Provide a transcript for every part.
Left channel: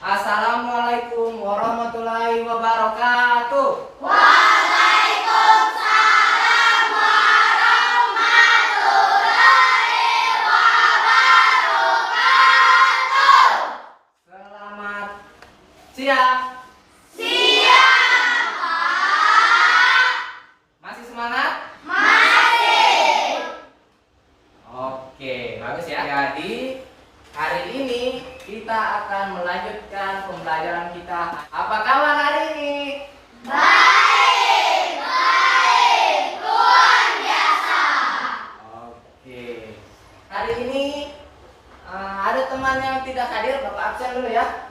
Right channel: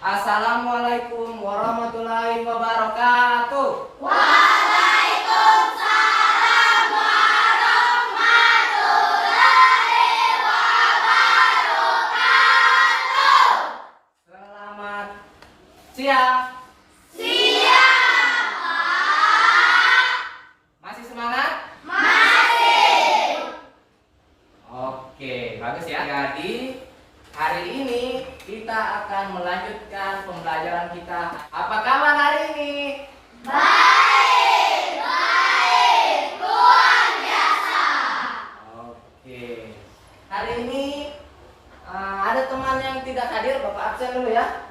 Assalamualaikum warahmatullahi wabarakatuh. Waalaikumsalam warahmatullahi wabarakatuh. Selamat siang. Siang. Masih semangat? Masih. Oke, bagus ya. Jadi hari ini kita akan melanjutkan pembelajaran kita. Apa kabar hari ini? Baik, luar biasa. Oke. Hari ini ada teman yang tidak hadir, Bapak absen dulu ya.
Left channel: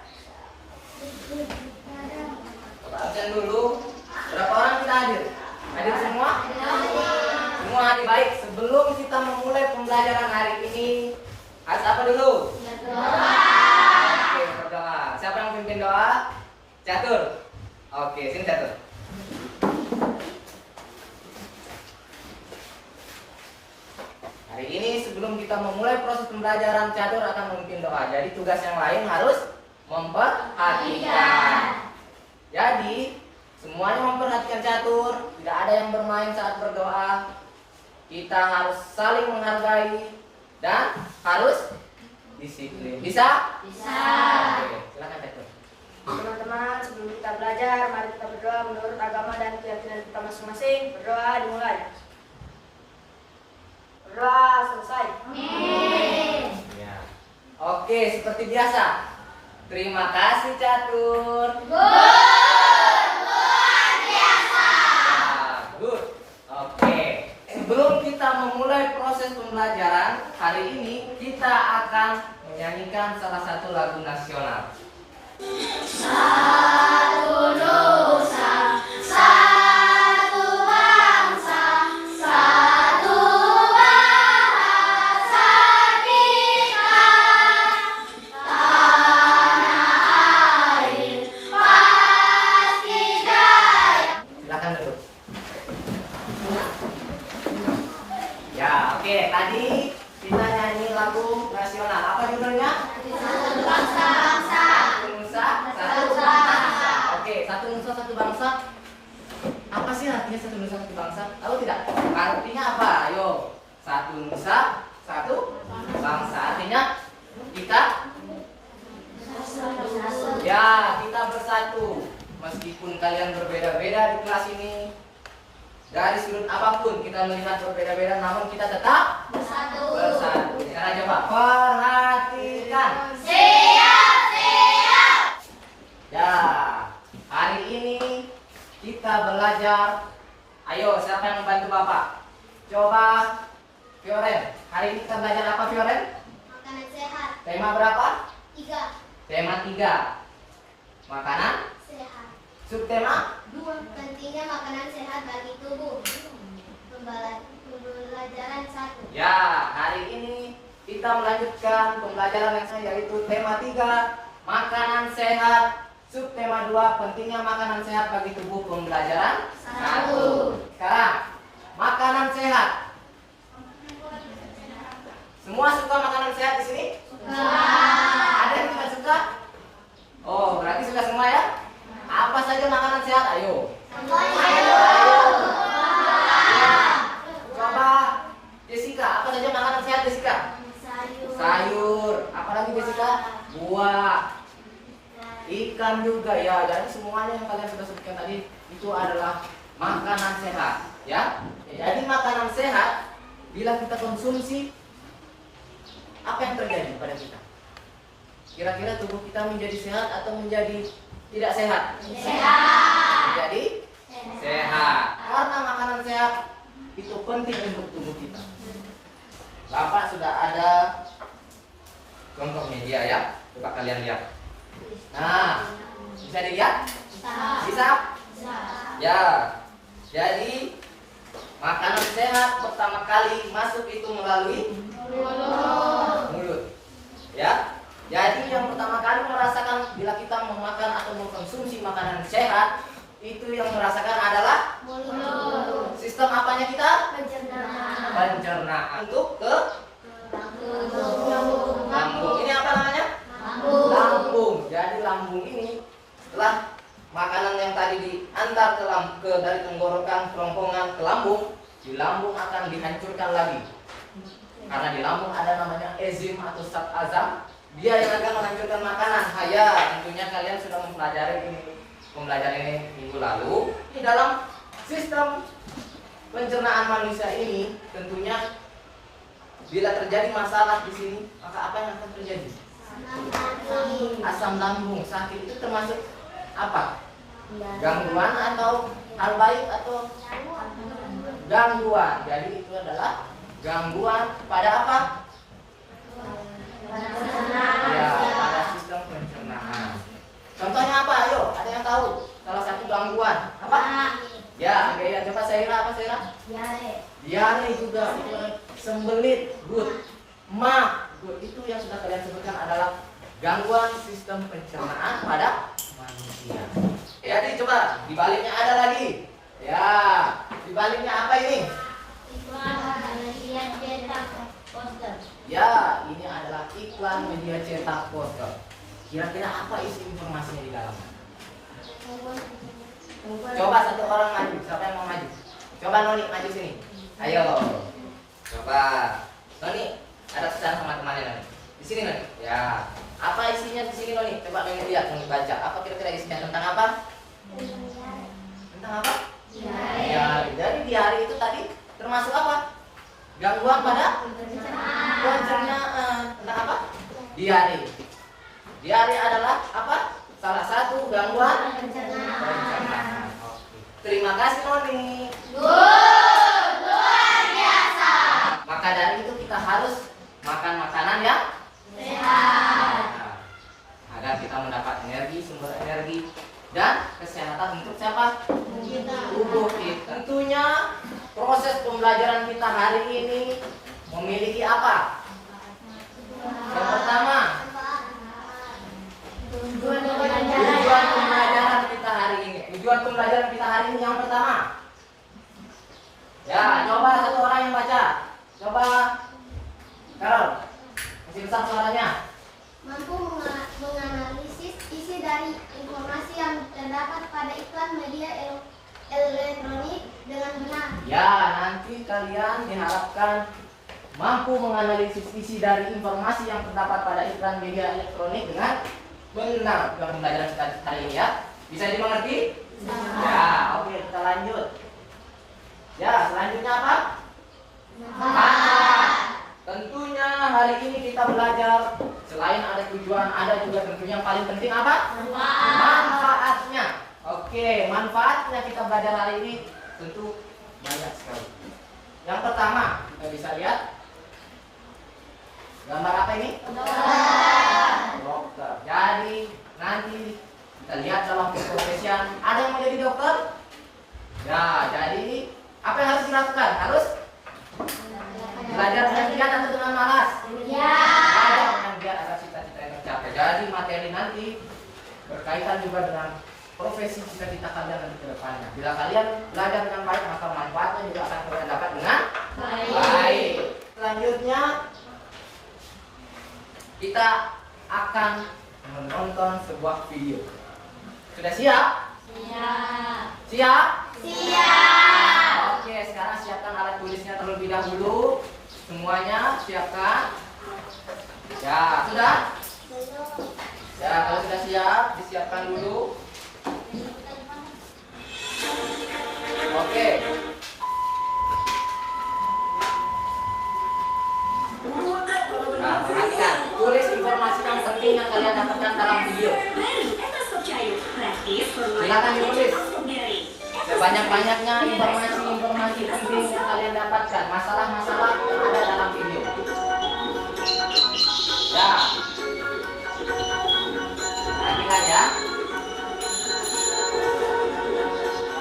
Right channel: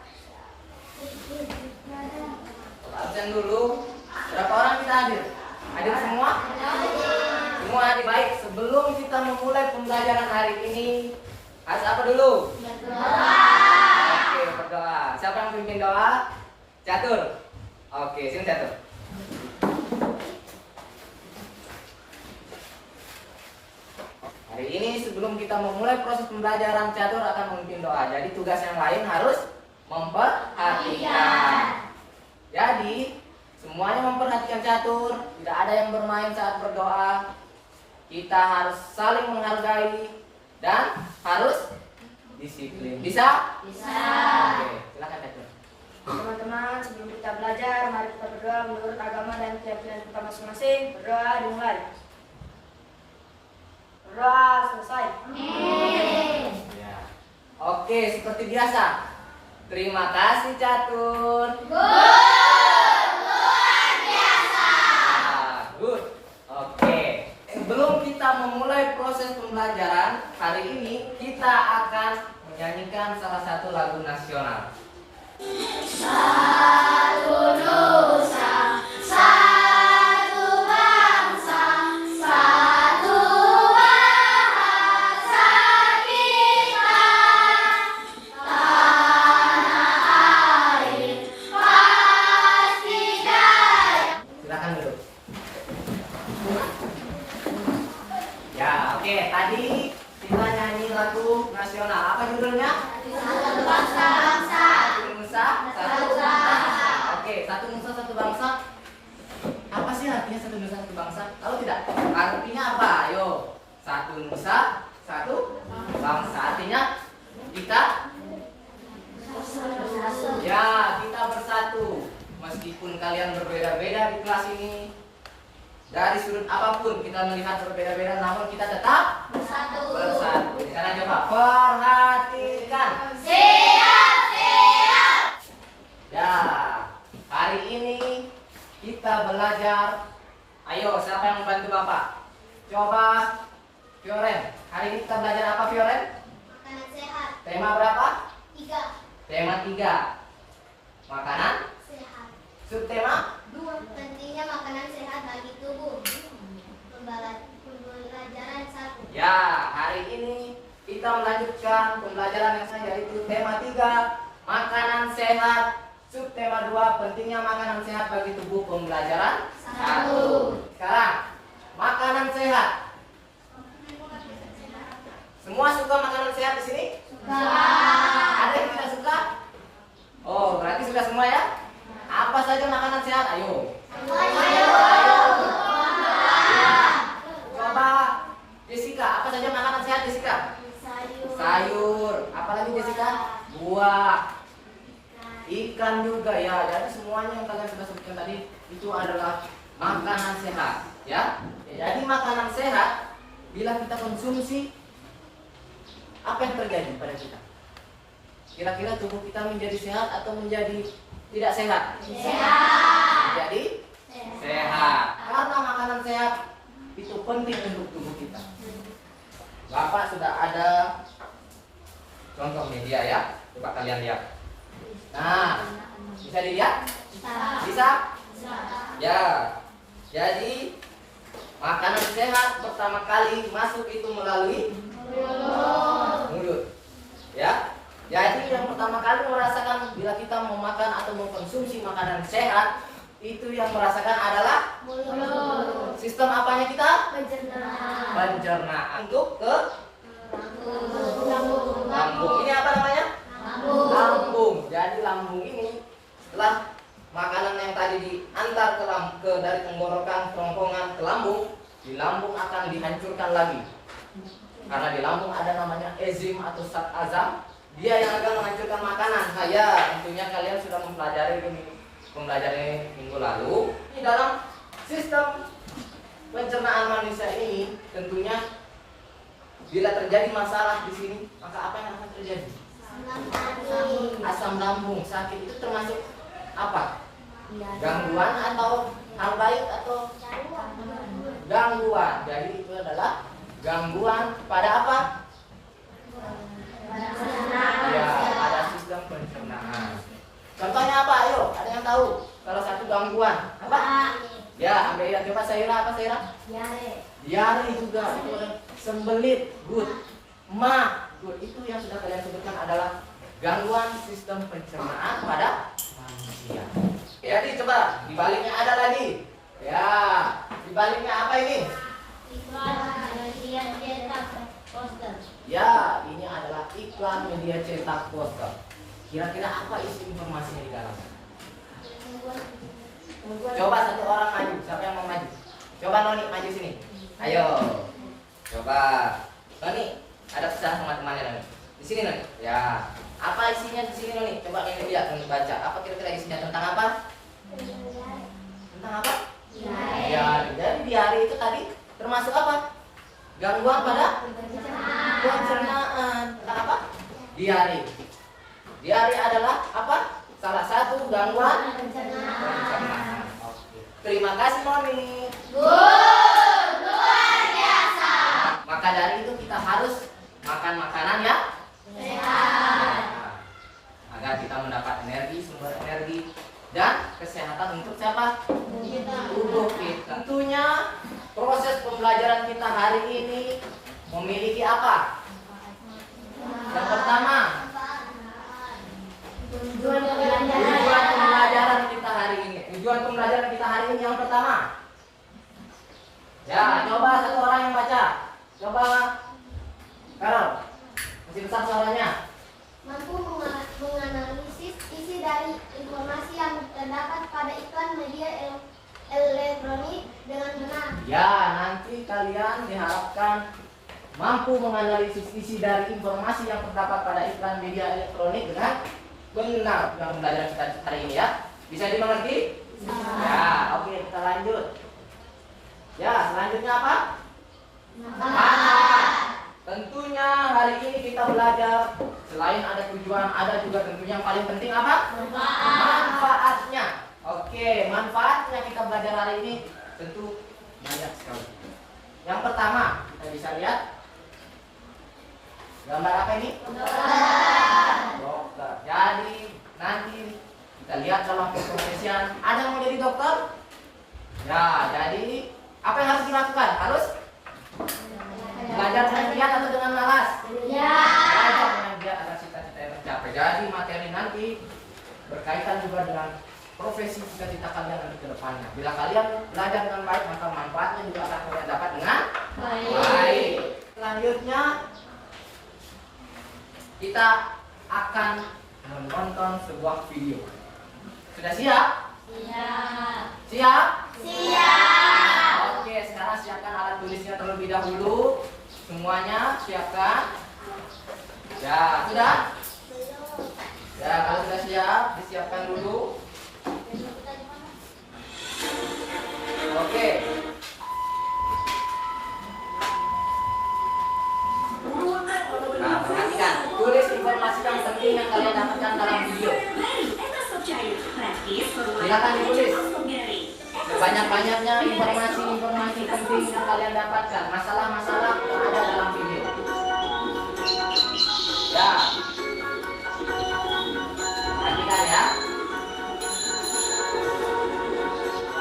Bapak absen dulu. Berapa orang kita hadir? Hadir semua? Semua hadir. Baik, sebelum kita memulai pembelajaran hari ini, harus apa dulu? Oke, berdoa. Siapa yang pimpin doa? Catur. Oke, sini Catur. Hari ini sebelum kita memulai proses pembelajaran, Catur akan memimpin doa. Jadi tugas yang lain harus memperhatikan. Jadi semuanya memperhatikan Catur. Tidak ada yang bermain saat berdoa. Kita harus saling menghargai dan harus disiplin. Bisa? Bisa. Oke, silakan Catur. Teman-teman, sebelum kita belajar, mari kita berdoa menurut agama dan keyakinan kita masing-masing. Berdoa dimulai. Berdoa selesai. Ya. Oke, seperti biasa. Terima kasih Catur. Luar biasa. Good. Oke. Sebelum kita memulai proses pembelajaran, hari ini kita akan menyanyikan salah satu lagu nasional. Satu nusa, satu bangsa, satu bahasa kita. Tanah air pasti jaya. Silakan duduk. Ya, oke. Tadi kita nyanyi lagu nasional. Apa judulnya? Satu bangsa, Satu nusa, satu bangsa. Oke, satu nusa, satu bangsa. Apa sih artinya satu nusa, satu bangsa? Tahu tidak? Artinya apa? Ayo. Satu nusa, satu bangsa. Artinya kita kita bersatu. Meskipun kalian berbeda-beda di kelas ini, dari sudut apapun kita melihat berbeda-beda, namun kita tetap bersatu. Sekarang coba perhatikan. Siap, siap. Ya, hari ini kita belajar. Ayo, siapa yang membantu Bapak? Coba, Fioren. Hari ini kita belajar apa, Fioren? Makanan sehat. Tema berapa? 3. Tema 3. Makanan. Sehat. Subtema? 2. Pentingnya makanan sehat bagi tubuh. Pembelajaran 1. Ya, hari ini kita melanjutkan pembelajaran yang saya, yaitu tema 3, makanan sehat. Subtema 2, pentingnya makanan sehat bagi tubuh. Pembelajaran 1. Sekarang, makanan sehat. Semua suka makanan sehat di sini? Ada yang tidak suka? Oh, berarti suka semua ya? Apa saja makanan sehat? Ayo. Coba Jessica, apa saja makanan sehat Jessica? Sayur. Apalagi Jessica? Buah. Ikan juga ya. Jadi semuanya yang kalian sudah sebutkan tadi itu adalah makanan sehat, ya. Jadi makanan sehat bila kita konsumsi, apa yang terjadi pada kita? Kira-kira tubuh kita menjadi sehat atau menjadi tidak sehat? Sehat. Menjadi sehat. Karena makanan sehat itu penting untuk tubuh kita. Bapak sudah ada contohnya dia ya. Coba kalian lihat. Nah, bisa dilihat? Bisa? Ya. Jadi makanan sehat pertama kali masuk itu melalui mulut. Ya. Jadi yang pertama kali merasakan bila kita memakan atau mengkonsumsi makanan sehat, itu yang merasakan adalah Mulut. sistem apanya kita? Pencernaan. Pencernaan. Untuk ke Lambung. lambung. Ini apa namanya? Lambung. Jadi lambung ini setelah makanan yang tadi diantar dari tenggorokan, kerongkongan ke lambung, di lambung akan dihancurkan lagi. Karena di lambung ada namanya enzim atau zat azam, dia yang akan menghancurkan makanan. Tentunya kalian sudah mempelajari pembelajaran ini minggu lalu. Di dalam sistem pencernaan manusia ini, tentunya bila terjadi masalah di sini, maka apa yang akan terjadi? Asam lambung, sakit itu termasuk apa? Gangguan atau hal baik atau gangguan. Jadi itu adalah gangguan pada apa? Ya, pada sistem pencernaan. Contohnya apa? Ayo, ada yang tahu? Salah satu gangguan apa? Ya, coba Saira, apa Saira? Diare juga. Itu ada sembelit, good, good. Itu yang sudah kalian sebutkan adalah gangguan sistem pencernaan pada manusia. Jadi coba dibaliknya ada lagi. Ya, dibaliknya apa ini? Ya, ini adalah iklan media cetak poster. Kira-kira apa isi informasinya di dalamnya? Coba satu orang maju. Siapa yang mau maju? Coba Noni maju sini. Ayo. Coba. Noni, ada pesan sama temannya Noni. Di sini Noni. Ya. Apa isinya di sini Noni? Coba kalian lihat, Noni baca. Apa kira-kira isinya tentang apa? Tentang apa? Diare. Dari diare itu tadi termasuk apa? Gangguan pada pencernaan. Tentang apa? Diare. Diare adalah apa? Salah satu gangguan pencernaan. Oke. Terima kasih Noni. Luar biasa. Maka dari itu kita harus makan makanan yang Sehat. agar kita mendapat energi, sumber energi dan kesehatan untuk siapa? Tubuh kita. Tentunya proses pembelajaran kita hari ini memiliki apa? Yang pertama, tujuan pembelajaran kita hari ini. Tujuan pembelajaran kita hari ini yang pertama. Ya, coba satu orang yang baca. Coba, Carol, masih besar suaranya. Mampu menganalisis isi dari informasi yang terdapat pada iklan media elektronik dengan benar. Ya, nanti kalian diharapkan mampu menganalisis isi dari informasi yang terdapat pada iklan media elektronik dengan benar. Dalam pembelajaran kita hari ini ya. Bisa dimengerti? Ya, oke, kita lanjut. Ya, selanjutnya apa? Tentunya hari ini kita belajar selain ada tujuan, ada juga tentunya yang paling penting apa? Manfaatnya. Oke, manfaatnya kita belajar hari ini tentu banyak sekali. Yang pertama, kita bisa lihat gambar apa ini? Dokter. Jadi nanti kita lihat dalam keprofesian ada yang mau jadi dokter? Ya, jadi apa yang harus dilakukan? Harus belajar dengan giat atau dengan malas? Belajar dengan giat agar cita-cita yang tercapai. Jadi materi nanti berkaitan juga dengan profesi cita-cita kalian nanti ke depannya. Bila kalian belajar dengan baik, maka manfaatnya juga akan kalian dapat dengan baik. Selanjutnya kita akan menonton sebuah video. Sudah siap? Siap? Oke, sekarang siapkan alat tulisnya terlebih dahulu. Semuanya siapkan. Ya, sudah? Ya, kalau sudah siap, disiapkan dulu. Oke. Nah, perhatikan. Tulis informasi yang penting yang kalian dapatkan dalam video. Silakan ditulis. Sebanyak-banyaknya informasi-informasi penting yang kalian dapatkan. Masalah-masalah yang ada dalam video. Ya. Perhatikan ya.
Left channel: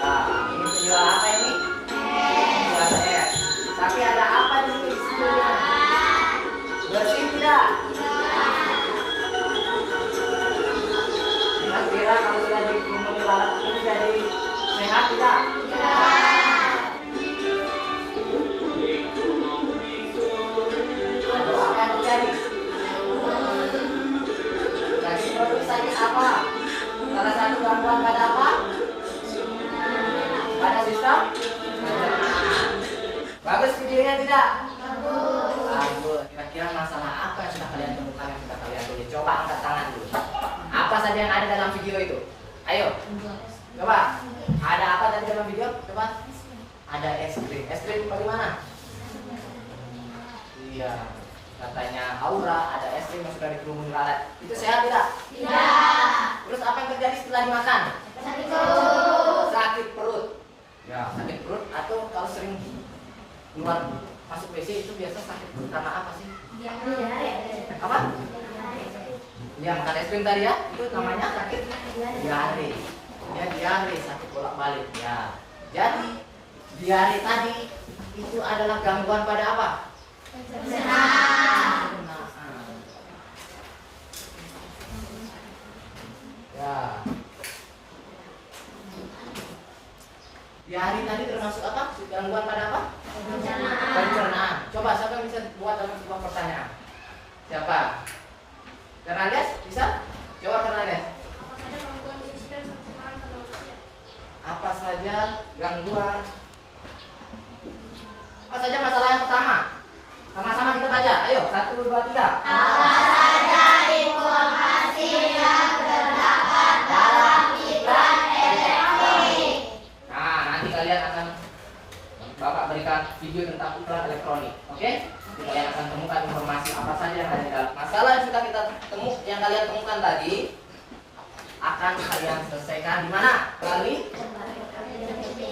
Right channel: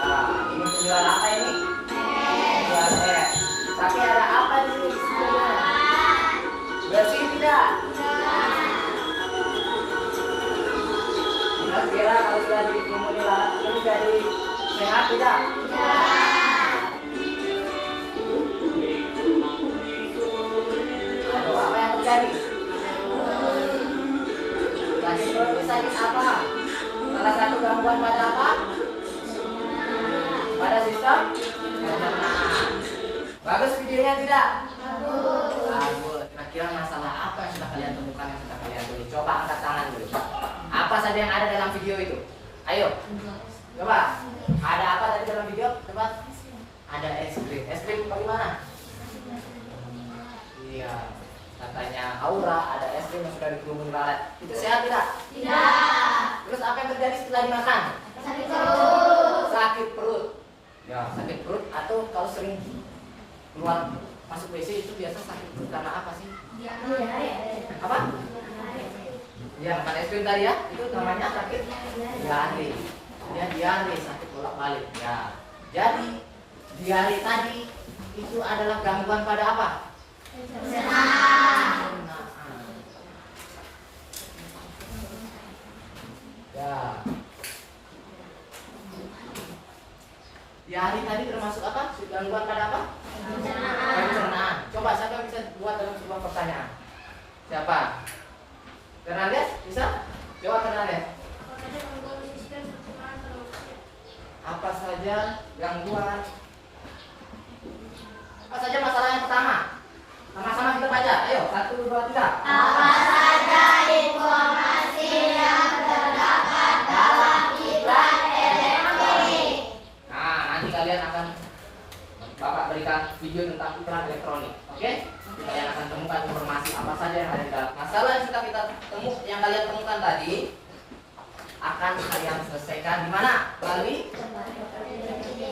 Nah, ini penjual apa ini? Penjual es. Tapi ada apa di sini? Bersih tidak? Kira-kira kalau sudah dikumuli lalat itu jadi sehat tidak? Ada apa yang terjadi? tidak? Bagus. Kira-kira masalah apa yang sudah kalian temukan, yang sudah kalian tulis? Coba angkat tangan dulu. Apa saja yang ada dalam video itu? Ayo. Coba. Ada apa tadi dalam video? Coba. Ada es krim. Es krim bagaimana? Iya. Katanya Aura ada es krim yang sudah dikerumuni lalat. Itu sehat tidak? Tidak. Terus apa yang terjadi setelah dimakan? Sakit perut. Sakit perut. Ya, sakit perut atau kalau sering keluar masuk WC itu biasa sakit perut karena apa sih? Apa? Ya, makan es krim tadi ya. Itu namanya sakit diare. Ya, diare, sakit bolak-balik. Ya. Jadi diare tadi itu adalah gangguan pada apa? Pencernaan. Ya. Diare tadi termasuk apa? Gangguan pada apa? Pencernaan. Coba siapa yang bisa buat dalam sebuah pertanyaan? Siapa? Fernandes bisa? Coba Fernandes. Apa saja gangguan? Apa saja masalah yang pertama? Sama-sama kita baca. Ayo, 1, 2, 3. Apa saja informasi yang terdapat dalam iklan elektronik? Nah, nanti kalian akan Bapak berikan video tentang iklan elektronik. Oke? Kalian akan temukan informasi apa saja yang ada di dalam. Masalah yang sudah kita yang kalian temukan tadi akan kalian selesaikan di mana? Melalui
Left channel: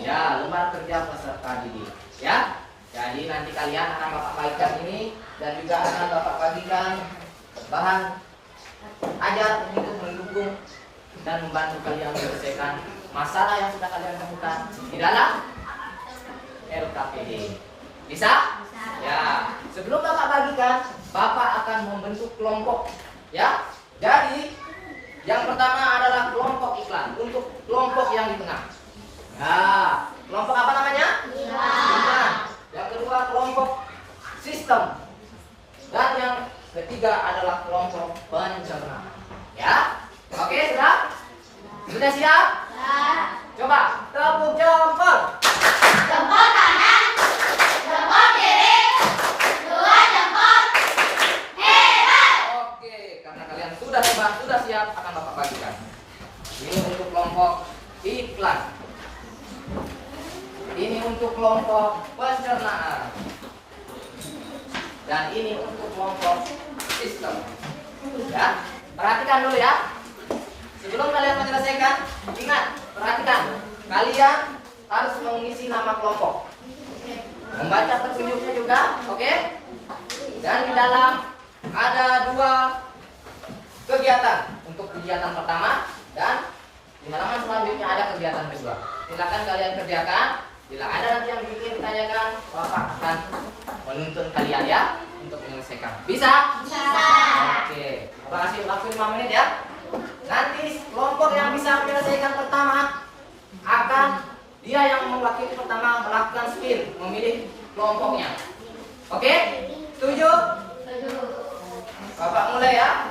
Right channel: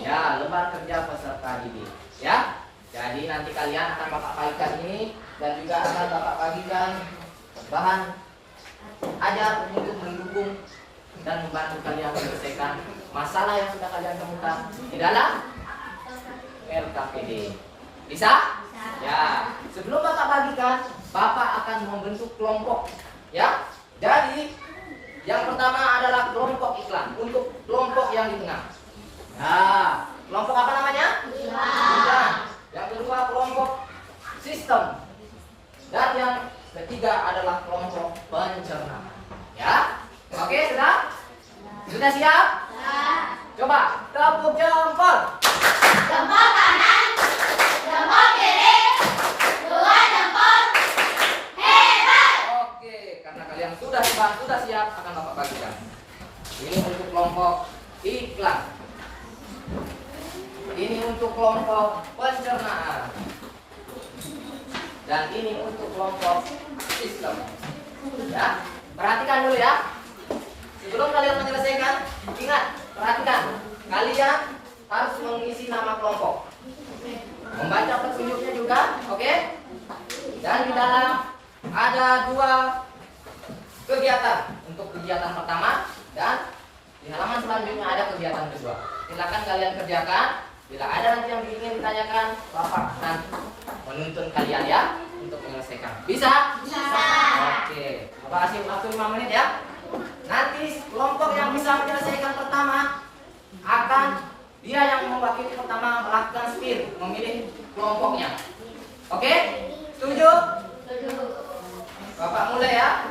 ya, lembar kerja peserta didik. Ya. Jadi nanti kalian akan Bapak bagikan ini dan juga akan Bapak bagikan bahan ajar untuk mendukung dan membantu kalian menyelesaikan masalah yang sudah kalian temukan di dalam RKPD. Bisa? Ya. Sebelum Bapak bagikan, Bapak akan membentuk kelompok. Ya. Jadi yang pertama adalah kelompok iklan untuk kelompok yang di tengah. Ya. Kelompok apa namanya? Iklan. Yang kedua kelompok sistem. Dan yang ketiga adalah kelompok pencernaan. Ya. Oke, sudah? Sudah siap? Coba tepuk jempol. Jempol kanan, jempol kiri, 2 jempol. Hebat. Oke, karena kalian sudah siap akan Bapak bagikan. Ini untuk kelompok iklan. Ini untuk kelompok pencernaan. Dan ini untuk kelompok sistem. Ya, perhatikan dulu ya. Sebelum kalian menyelesaikan, ingat, perhatikan. Kalian harus mengisi nama kelompok. Membaca petunjuknya juga, oke? Dan di dalam ada 2 kegiatan. Untuk kegiatan pertama dan di halaman selanjutnya ada kegiatan kedua. Silakan kalian kerjakan. Bila ada nanti yang ingin ditanyakan, Bapak akan menuntun kalian ya untuk menyelesaikan. Bisa? Bisa. Oke. Bapak kasih waktu 5 menit ya. Nanti kelompok yang bisa menyelesaikan pertama akan dia yang mewakili pertama melakukan spin, memilih kelompoknya. Oke? Setuju? Bapak mulai ya.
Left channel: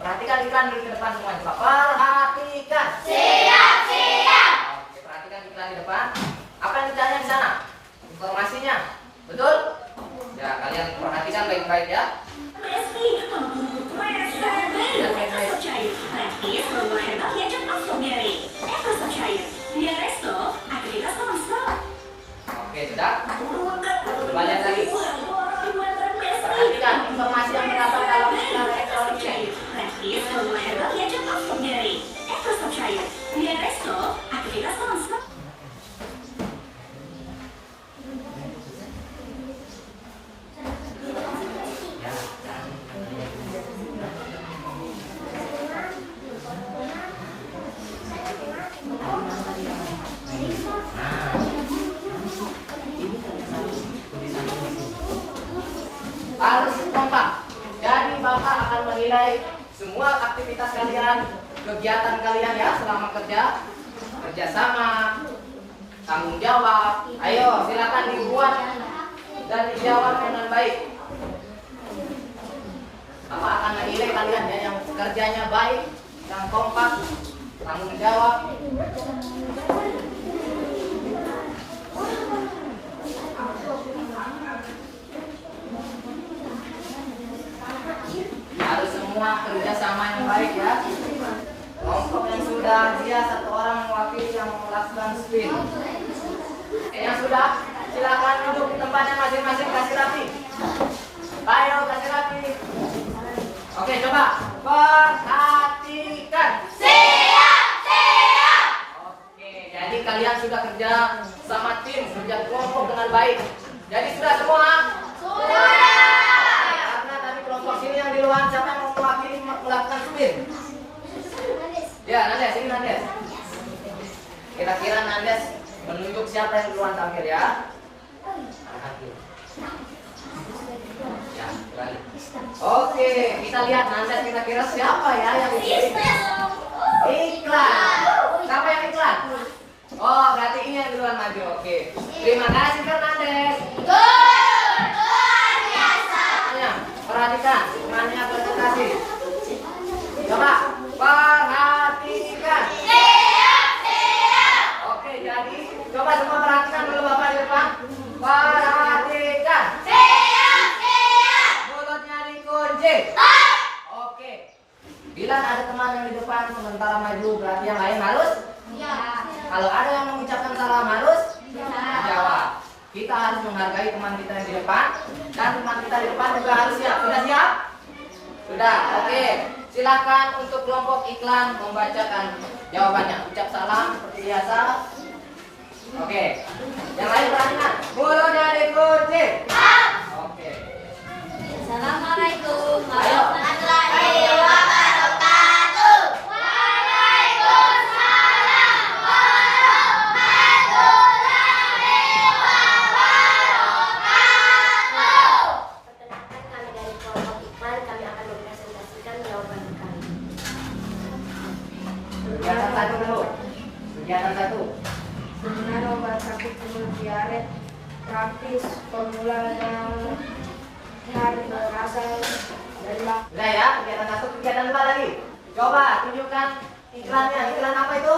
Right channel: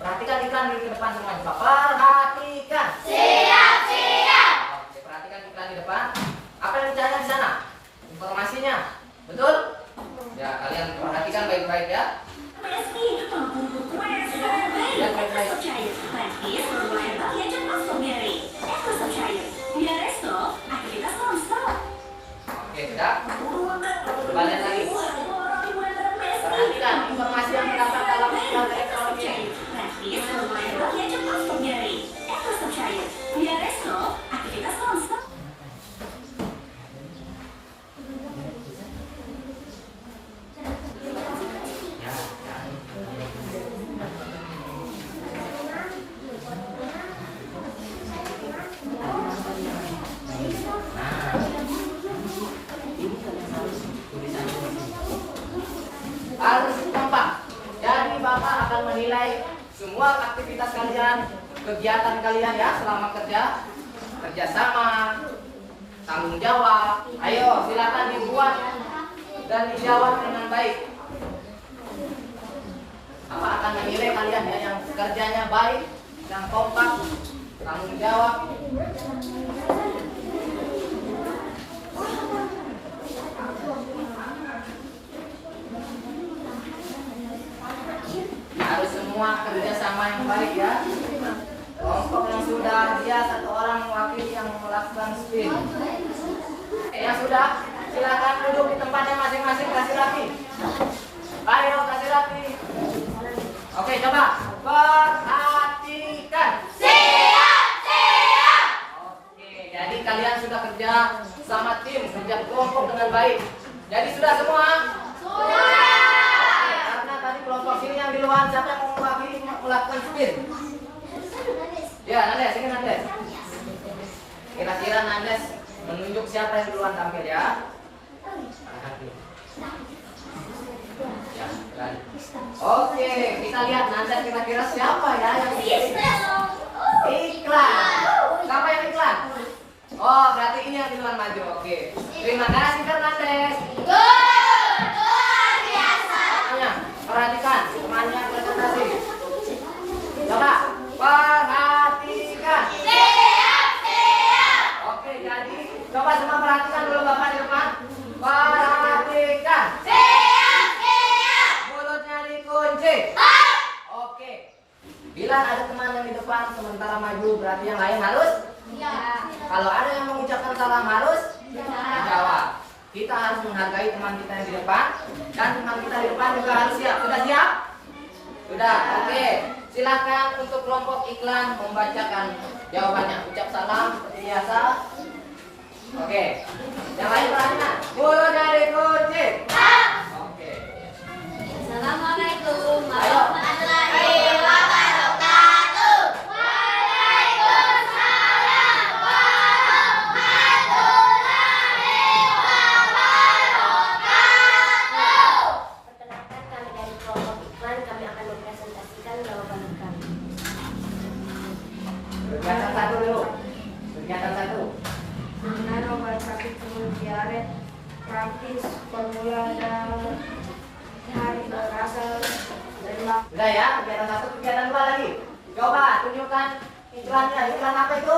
Perhatikan iklan di depan semuanya. Perhatikan. Siap. Oke, perhatikan iklan di depan. Apa yang ditanya di sana? Informasinya. Betul? Ya, kalian perhatikan baik-baik ya. Meski penghubung strawberry, espresso cair, praktis, berbuah herbal yang cocok strawberry. Espresso cair, biar resto, aktivitas non-stop. Oke, sudah. Coba lihat lagi. Perhatikan informasi yang terdapat dalam iklan elektronik ini. Praktis, berbuah herbal yang cocok strawberry. Espresso cair, biar resto, aktivitas non-stop. Harus kompak. Jadi Bapak akan menilai semua aktivitas kalian, kegiatan kalian ya selama kerjasama, tanggung jawab. Ayo silakan dibuat dan dijawab dengan baik. Bapak akan menilai kalian ya yang kerjanya baik yang kompak, tanggung jawab. Harus semua kerjasama yang baik ya. Kelompok yang sudah, dia satu orang mewakili yang melakukan spin. Yang sudah, silakan duduk di tempatnya masing-masing, kasih rapi. Ayo kasih rapi. Oke, coba perhatikan. Siap, siap. Oke, jadi kalian sudah kerja sama tim, kerja kelompok dengan baik. Jadi sudah semua? Sudah. Karena tadi kelompok sini yang di luar, siapa yang mau mewakili melakukan spin? Ya, Nandes, ini Nandes. Kira-kira Nandes menunjuk siapa yang duluan tampil ya? Ya, balik. Oke, kita lihat Nandes kira-kira siapa ya yang iklan. Siapa yang iklan? Oh, berarti ini yang duluan maju. Oke. Terima kasih Fernandes. Luar biasa. Makanya, perhatikan temannya presentasi. Coba perhatikan. Siap, siap. Oke, jadi coba semua perhatikan dulu Bapak di depan. Perhatikan. Siap, siap. Mulutnya dikunci. Oke. Bila ada teman yang di depan sementara maju, berarti yang lain harus. Ya. Kalau ada yang mengucapkan salam harus jawab. Kita harus menghargai teman kita yang di depan dan teman kita di depan juga harus siap. Sudah siap? Sudah. Oke. Silakan untuk kelompok iklan membacakan jawabannya. Ucap salam seperti biasa. Oke. Yang lain perhatikan. Mulutnya dikunci. Oke. Assalamualaikum Ayo. warahmatullahi wabarakatuh. Waalaikumsalam warahmatullahi wabarakatuh. Perkenalkan, kami dari kelompok iklan, kami akan mempresentasikan jawaban kami. Kegiatan satu dulu. Kegiatan satu. Penggunaan obat sakit mulut diare, praktis, formula dan hari berasal dari Sudah ya, kegiatan satu, kegiatan dua lagi. Coba tunjukkan iklannya. Iklan apa itu?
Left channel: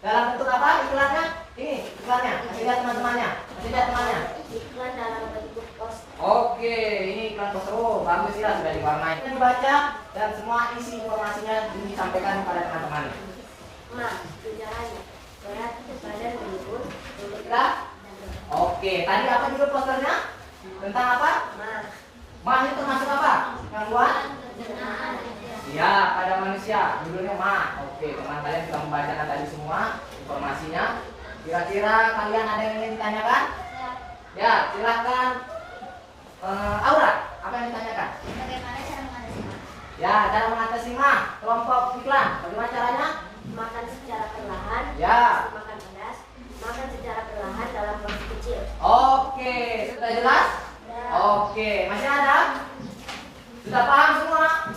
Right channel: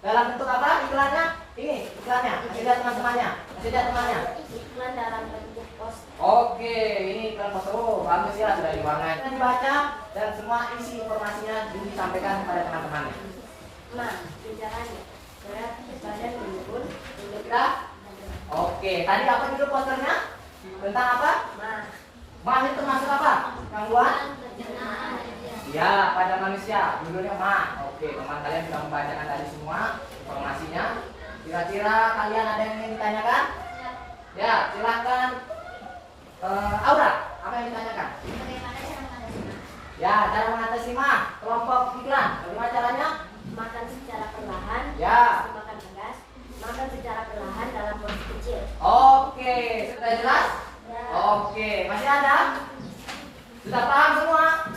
Dalam bentuk apa iklannya? Ini iklannya. Kasih lihat teman-temannya. Kasih lihat temannya. iklan dalam bentuk poster. Oke, ini iklan poster. Oh, bagus ya, sudah diwarnai. Dan dibaca dan semua isi informasinya disampaikan pada teman-teman. Gejalanya berat, badan menurun, Kita? Oke, tadi apa judul posternya? Tentang apa? Mah itu termasuk apa? Gangguan? Ya, pada manusia. Judulnya mah. Oke, teman kalian sudah membacakan tadi semua informasinya. Kira-kira kalian ada yang ingin ditanyakan? Ya, silahkan. Aura, apa yang ditanyakan? Bagaimana cara mengatasi mah? Ya, cara mengatasi mah. Kelompok iklan. Bagaimana caranya? makan secara perlahan, Ya. makan pedas, makan secara perlahan dalam porsi kecil. Oke, sudah jelas? Oke, masih ada? Sudah paham semua?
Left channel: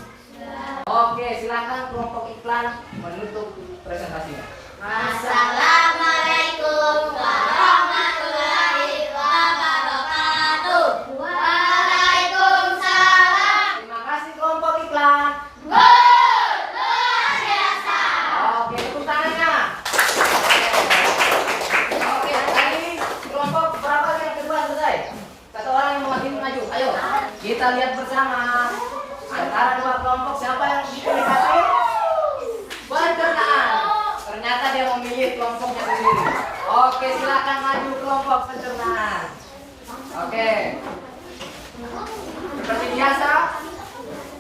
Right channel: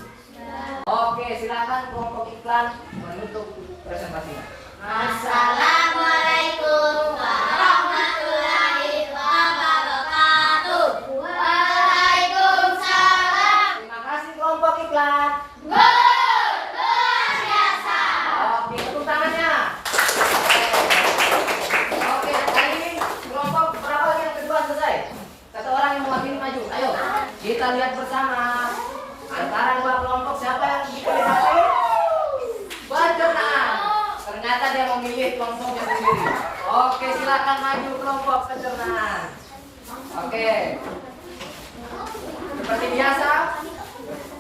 Oke, silakan kelompok iklan menutup presentasinya. Assalamualaikum warahmatullahi wabarakatuh. Waalaikumsalam. Terima kasih kelompok iklan. Luar biasa. Oke, tepuk tangannya. Oke, tadi kelompok berapa yang kedua selesai? Satu orang yang mewakili maju. Ayo, kita lihat bersama. Antara dua kelompok siapa yang dipilih? Pencernaan. Ternyata dia memilih kelompoknya sendiri. Oke, silakan maju kelompok pencernaan. Oke. Seperti biasa,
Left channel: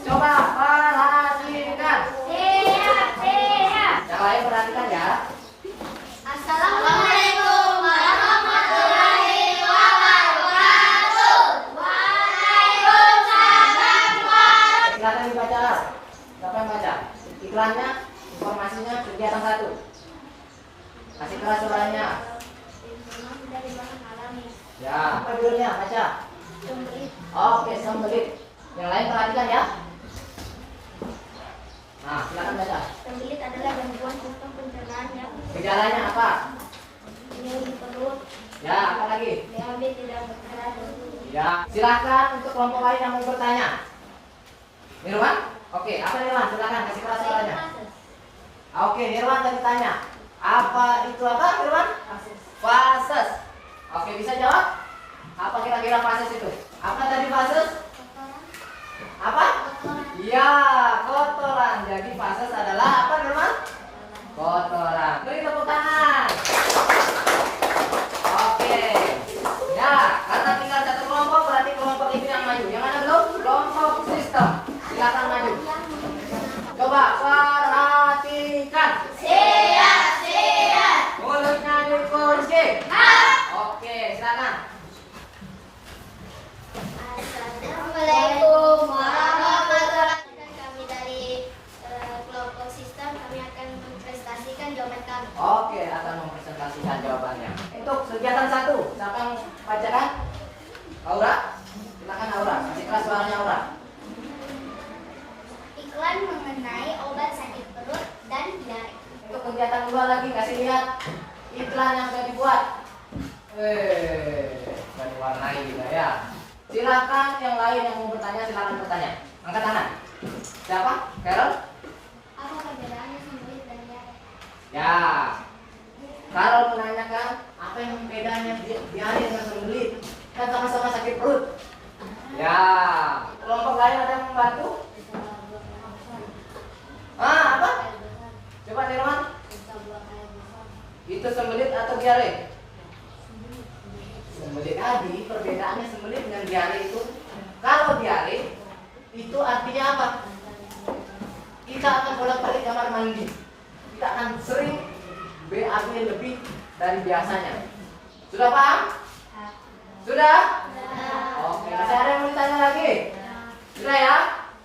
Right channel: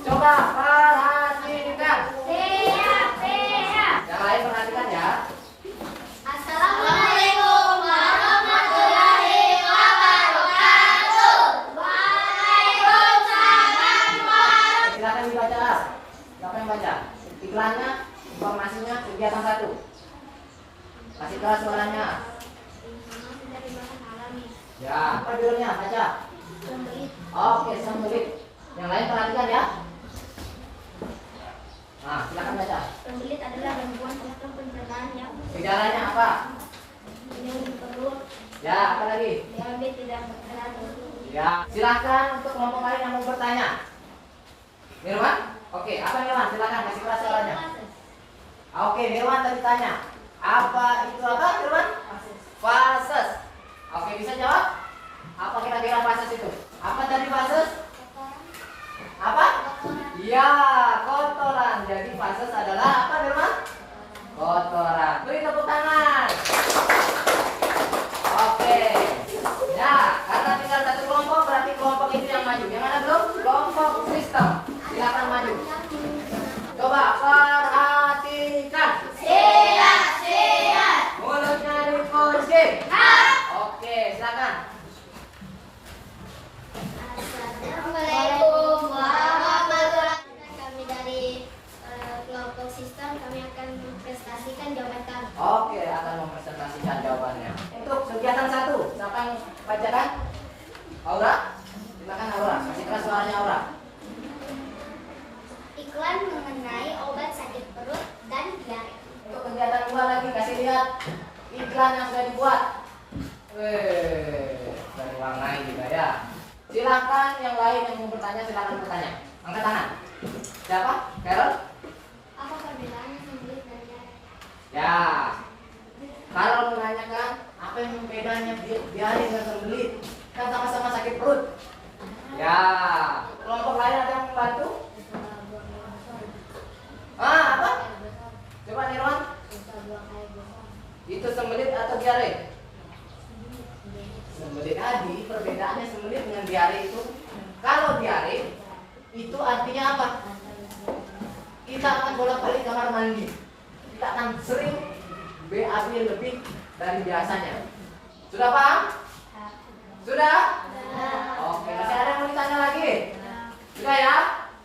coba perhatikan. Siap, siap. Yang lain perhatikan ya. Assalamualaikum warahmatullahi wabarakatuh. Waalaikumsalam warahmatullahi. Silakan dibaca. Siapa yang baca? Iklannya, informasinya, kegiatan satu. Kasih keras suaranya. Informasi dari makan alami. Ya, apa judulnya? Baca. Oke, sembelit. Yang lain perhatikan ya. Nah, silakan baca. Pembelit adalah gangguan sistem pencernaan yang Gejalanya apa? nyeri perut, Ya, apa lagi? BAB tidak bergerak. Ya, silakan untuk kelompok lain yang mau bertanya. Nirwan? Oke, apa Nirwan? Silakan kasih keras suaranya. Oke, Nirwan tadi tanya. Apa itu apa, Nirwan? Fases. Oke, bisa jawab? Apa kira-kira fases itu? Apa tadi fases? Apa? Ya, kotoran. Jadi fases adalah apa, Nirwan? Kotoran. Beri tepuk tangan. Oke. Ya, karena tinggal satu kelompok berarti kelompok itu yang maju. Yang mana belum? Kelompok sistem. Silakan maju. Coba perhatikan. Siap. Mulutnya dikunci. Oke, silakan. Assalamualaikum warahmatullahi wabarakatuh. Kami dari kelompok sistem, kami akan mempresentasikan jawaban kami. Oke, akan mempresentasikan jawabannya. Untuk kegiatan 1, siapa yang bacakan? Aura? Silakan Aura. Kasih keras suaranya Aura. Iklan mengenai obat sakit perut dan diare. Untuk kegiatan 2 lagi, kasih lihat iklan yang sudah dibuat. Sudah diwarnai juga ya. Silakan yang lain yang mau bertanya, silakan bertanya. Angkat tangan. Siapa? Carol? Apa perbedaannya sembuh dan diare? Ya. Carol menanyakan apa yang bedanya diare dengan sembelit? Kan sama-sama sakit perut. Ya. Kelompok lain ada yang membantu? Apa? Coba Nirwan. Itu sembelit atau diare? Sembelit tadi, perbedaannya sembelit dengan diare itu, kalau diare itu artinya apa? Kita akan bolak-balik kamar mandi, kita akan sering BAB lebih dari biasanya. Sudah paham? Sudah? Oke, masih ada yang mau ditanya lagi? Sudah ya?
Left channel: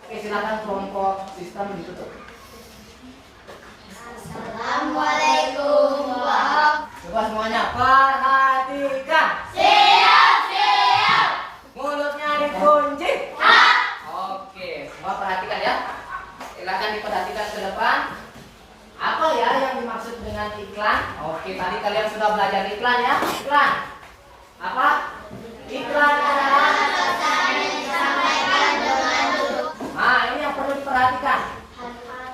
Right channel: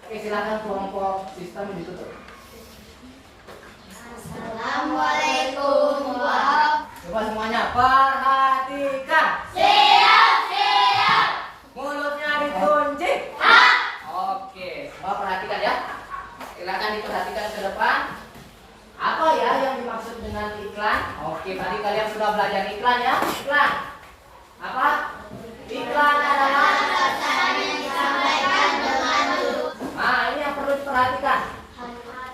Oke, silakan kelompok sistem ditutup. Assalamualaikum warahmatullahi Coba semuanya perhatikan. Siap. Mulutnya dikunci. Oke, semua perhatikan ya. Silakan diperhatikan ke depan. Apa ya yang dimaksud dengan iklan? Oke, tadi kalian sudah belajar iklan ya. Iklan. Apa? Iklan adalah Pesan yang disampaikan dengan duduk. Nah, ini yang perlu diperhatikan.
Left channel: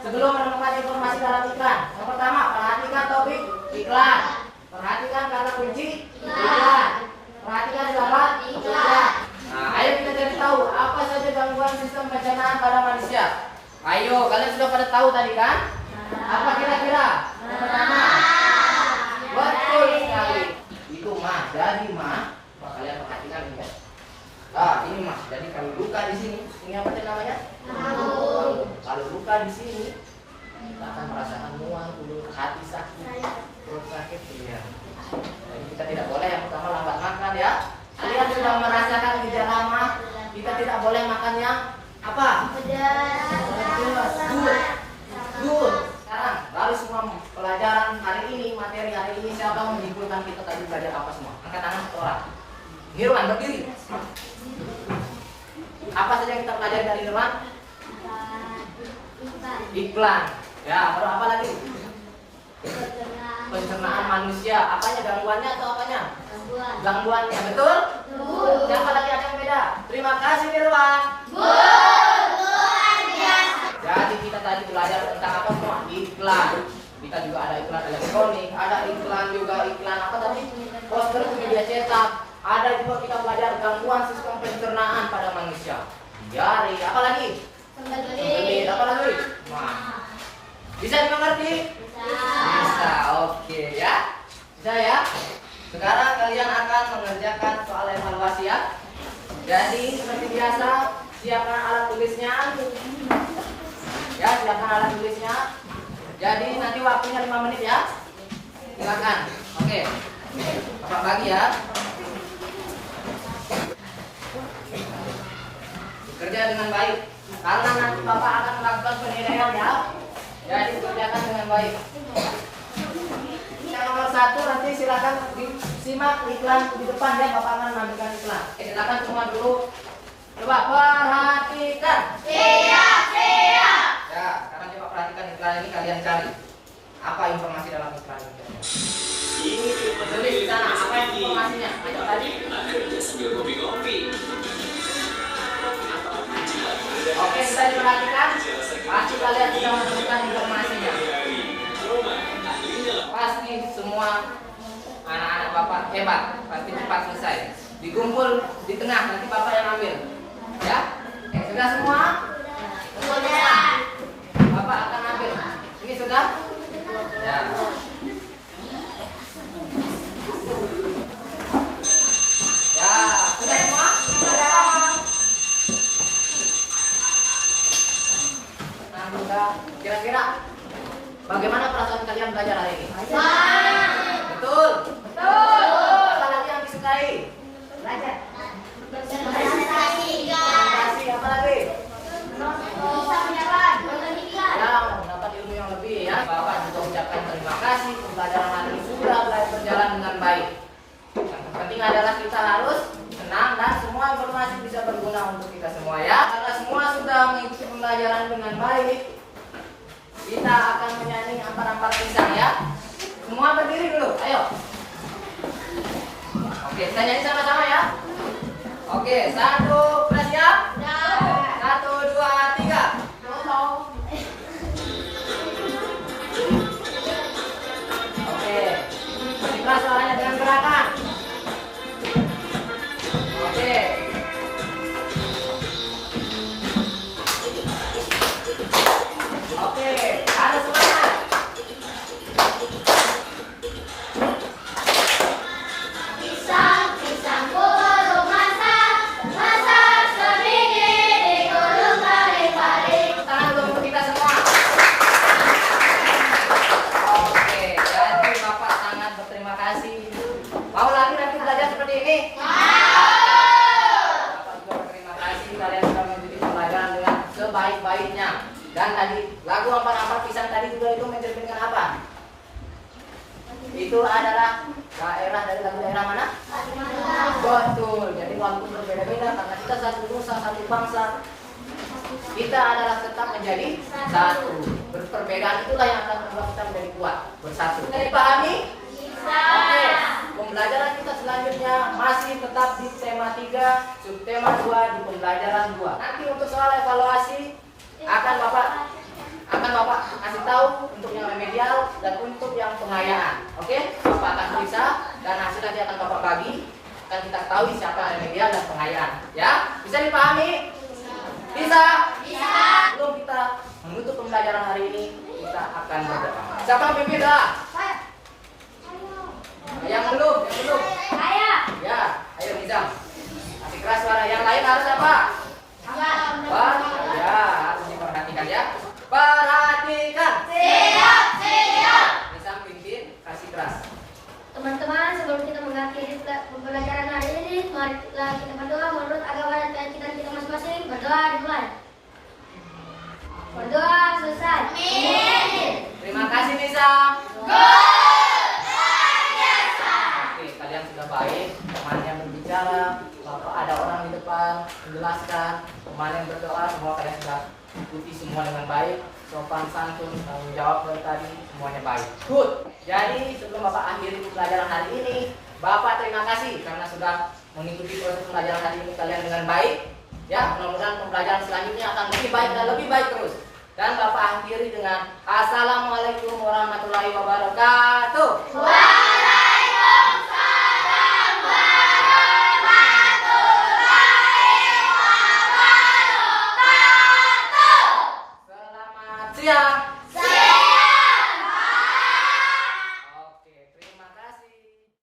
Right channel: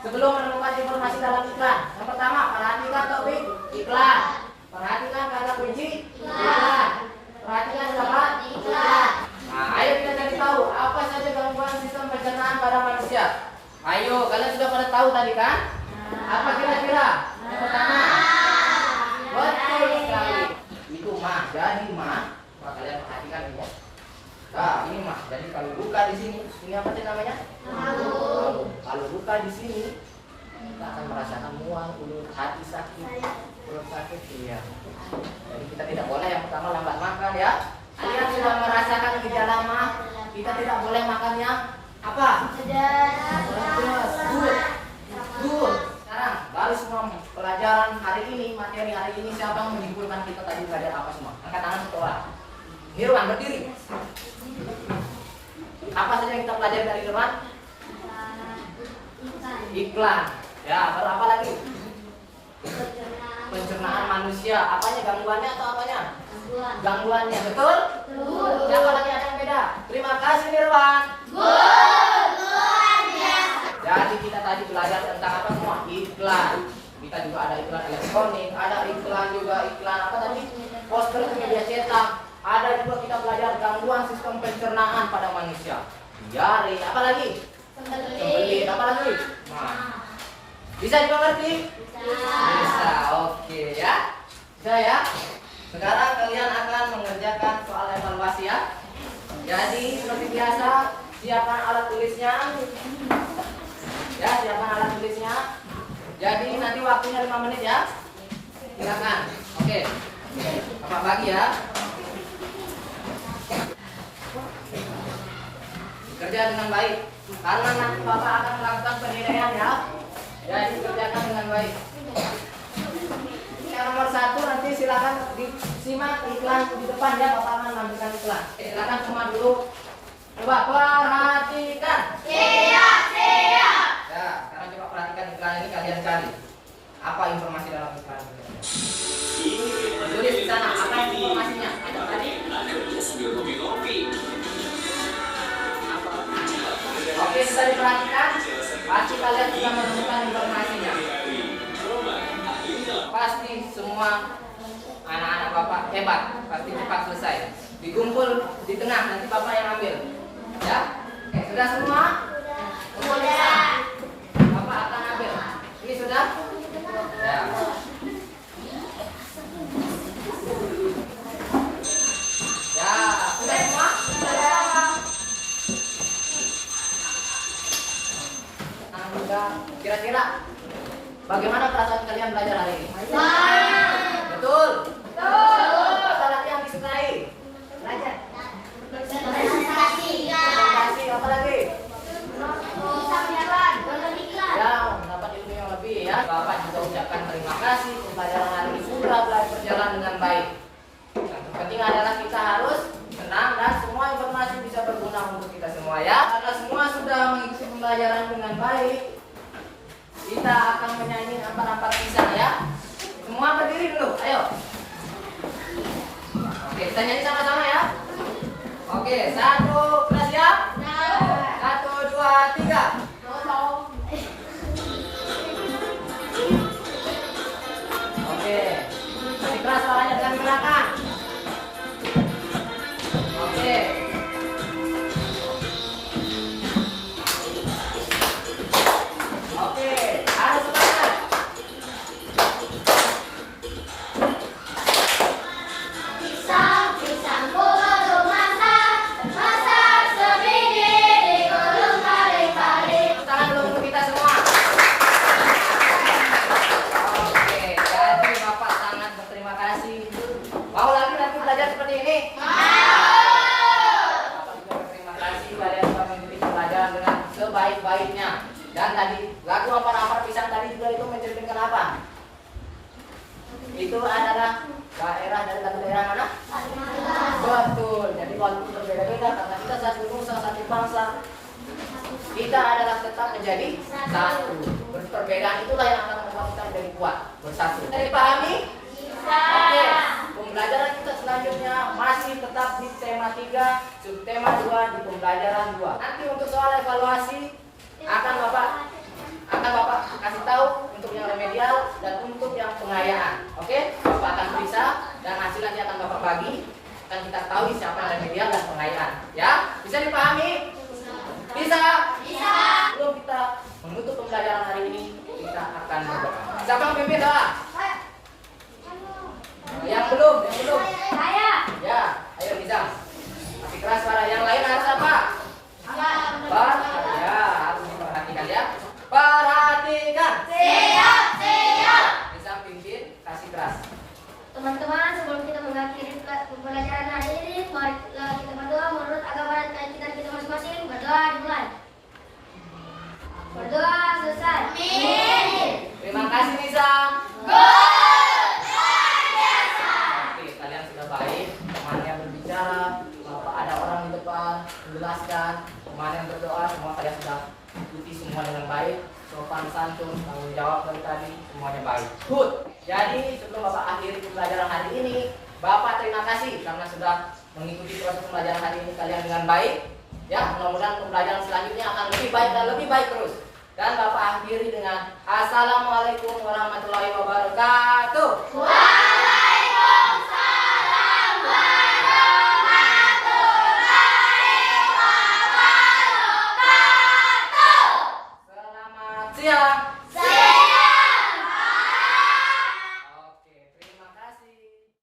Sebelum menemukan informasi dalam iklan, yang pertama perhatikan topik iklan. Perhatikan kata kunci iklan. Perhatikan dalam iklan. Nah, ayo kita cari tahu apa saja gangguan sistem pencernaan pada manusia. Ayo, kalian sudah pada tahu tadi kan? Apa kira-kira? Yang pertama, betul sekali. Itu mah, jadi mah. Wah, kalian perhatikan ini. Nah, ini mah. Jadi kalau luka di sini, ini apa sih namanya? Kalau luka di sini, kita akan merasakan mual, ulu, hati sakit, perut sakit, iya. Jadi kita tidak boleh yang pertama lambat makan ya. Kalian sudah merasakan gejala mah, kita tidak boleh makan yang apa? Pedas. Good. Sekarang dari semua pelajaran hari ini, materi hari ini, siapa yang menyimpulkan kita tadi belajar apa semua? Angkat tangan satu orang. Nirwan berdiri. Apa saja yang kita pelajari dari Nirwan? Iklan. Ya, baru apa lagi? Pencernaan manusia. Apanya, gangguannya atau apanya? Gangguannya, betul? Siapa lagi ada yang beda? Terima kasih Nirwan. Jadi kita tadi belajar tentang apa semua? Iklan. Kita juga ada iklan elektronik, ada iklan juga iklan apa tadi? Poster di media cetak. Ada juga kita belajar gangguan sistem pencernaan pada manusia. Diare, apa lagi? Sembelit, apa lagi? Nah. Bisa dimengerti? Bisa, oke ya. Bisa ya. Sekarang kalian akan mengerjakan soal evaluasi ya. Jadi seperti biasa, siapkan alat tulisnya. Ya, siapkan alat tulisnya. Jadi nanti waktunya 5 menit ya. Silakan. Oke. Bapak bagi ya. Kerja dengan baik. Karena nanti Bapak akan melakukan penilaian ya. Jadi kerjakan dengan baik. Yang nomor 1 nanti silakan disimak iklan di depan ya. Bapak akan menampilkan iklan. Silakan semua dulu. Coba perhatikan. Siap. Ya, sekarang coba perhatikan iklan ini, kalian cari apa informasi dalam iklan ini. Tulis di sana apa informasinya. Ayo tadi. Akhirnya sambil kopi-kopi. Oke, sudah diperhatikan. Pasti kalian sudah menemukan informasinya. semua anak-anak Bapak hebat, pasti cepat selesai. Dikumpul di tengah, nanti Bapak yang ambil. Ya? Sudah semua? Sudah. Bapak akan ambil. Ini sudah? Ya. Ya, sudah semua? Nah, sudah. Kira-kira bagaimana perasaan kalian belajar hari ini? Betul? Apa lagi yang disukai? Belajar. Prestasi. Prestasi, apa lagi? Beriklan. Ya, mendapat ilmu yang lebih ya. Bapak juga ucapkan terima kasih. Pembelajaran hari ini sudah berjalan dengan baik. Yang terpenting adalah kita harus senang dan semua informasi bisa berguna untuk kita semua ya. Karena semua sudah mengikuti pembelajaran dengan baik, kita akan menyanyi ampar-ampar pisang ya. Semua berdiri dulu, ayo. Oke, kita nyanyi sama-sama ya. Oke, 1, sudah siap? 1, 2, 3. Oke, masih keras suaranya dengan gerakan. Oke. Oke, harus semangat. Pisang bulu masak sebiji digulung kali-kali. Tangan dulu untuk kita semua. Oke, jadi Bapak sangat berterima kasih. Mau lagi nanti belajar seperti ini? Bapak juga berterima kasih kalian sudah mengikuti pelajaran dengan sebaik-baiknya. Dan tadi lagu ampar-ampar pisang tadi juga itu menceritakan apa? Itu adalah daerah dari lagu daerah mana? Betul. Jadi walaupun berbeda-beda karena kita satu nusa, satu bangsa, kita adalah tetap menjadi satu. Perbedaan itulah yang akan membuat kita menjadi kuat, bersatu. Bisa dipahami? Oke. Pembelajaran kita selanjutnya masih tetap di tema 3, subtema 2 di pembelajaran 2. Nanti untuk soal evaluasi akan Bapak kasih tahu untuk yang remedial dan untuk yang pengayaan. Oke? Bapak akan periksa dan hasil nanti akan Bapak bagi. Akan kita tahu siapa yang remedial dan pengayaan. Ya? Bisa dipahami? Bisa? Sebelum kita menutup pembelajaran hari ini, kita akan berdoa. Siapa yang pimpin doa? Yang belum? Ya, ayo Nizam. Masih keras suara. Yang lain harus apa? Ya, harus diperhatikan ya. Perhatikan. Siap. Nizam pimpin, kasih keras. Teman-teman, sebelum kita mengakhiri pembelajaran hari ini, marilah kita berdoa menurut agama dan keyakinan kita masing-masing. Berdoa dimulai. Berdoa selesai. Amin. Terima kasih Nizam. Oke, kalian sudah baik. Temannya berbicara, Bapak ada orang di depan menjelaskan, temannya berdoa, semua kalian sudah ikuti semua dengan baik. Sopan santun, tanggung jawab dari tadi, semuanya baik. Good. Jadi sebelum Bapak akhiri pembelajaran hari ini, Bapak terima kasih karena sudah mengikuti proses pembelajaran hari ini kalian dengan baik. Ya, mudah-mudahan pembelajaran selanjutnya akan lebih baik dan lebih baik terus. Dan Bapak akhiri dengan Assalamualaikum warahmatullahi wabarakatuh. Waalaikumsalam warahmatullahi wabarakatuh. Selamat siang.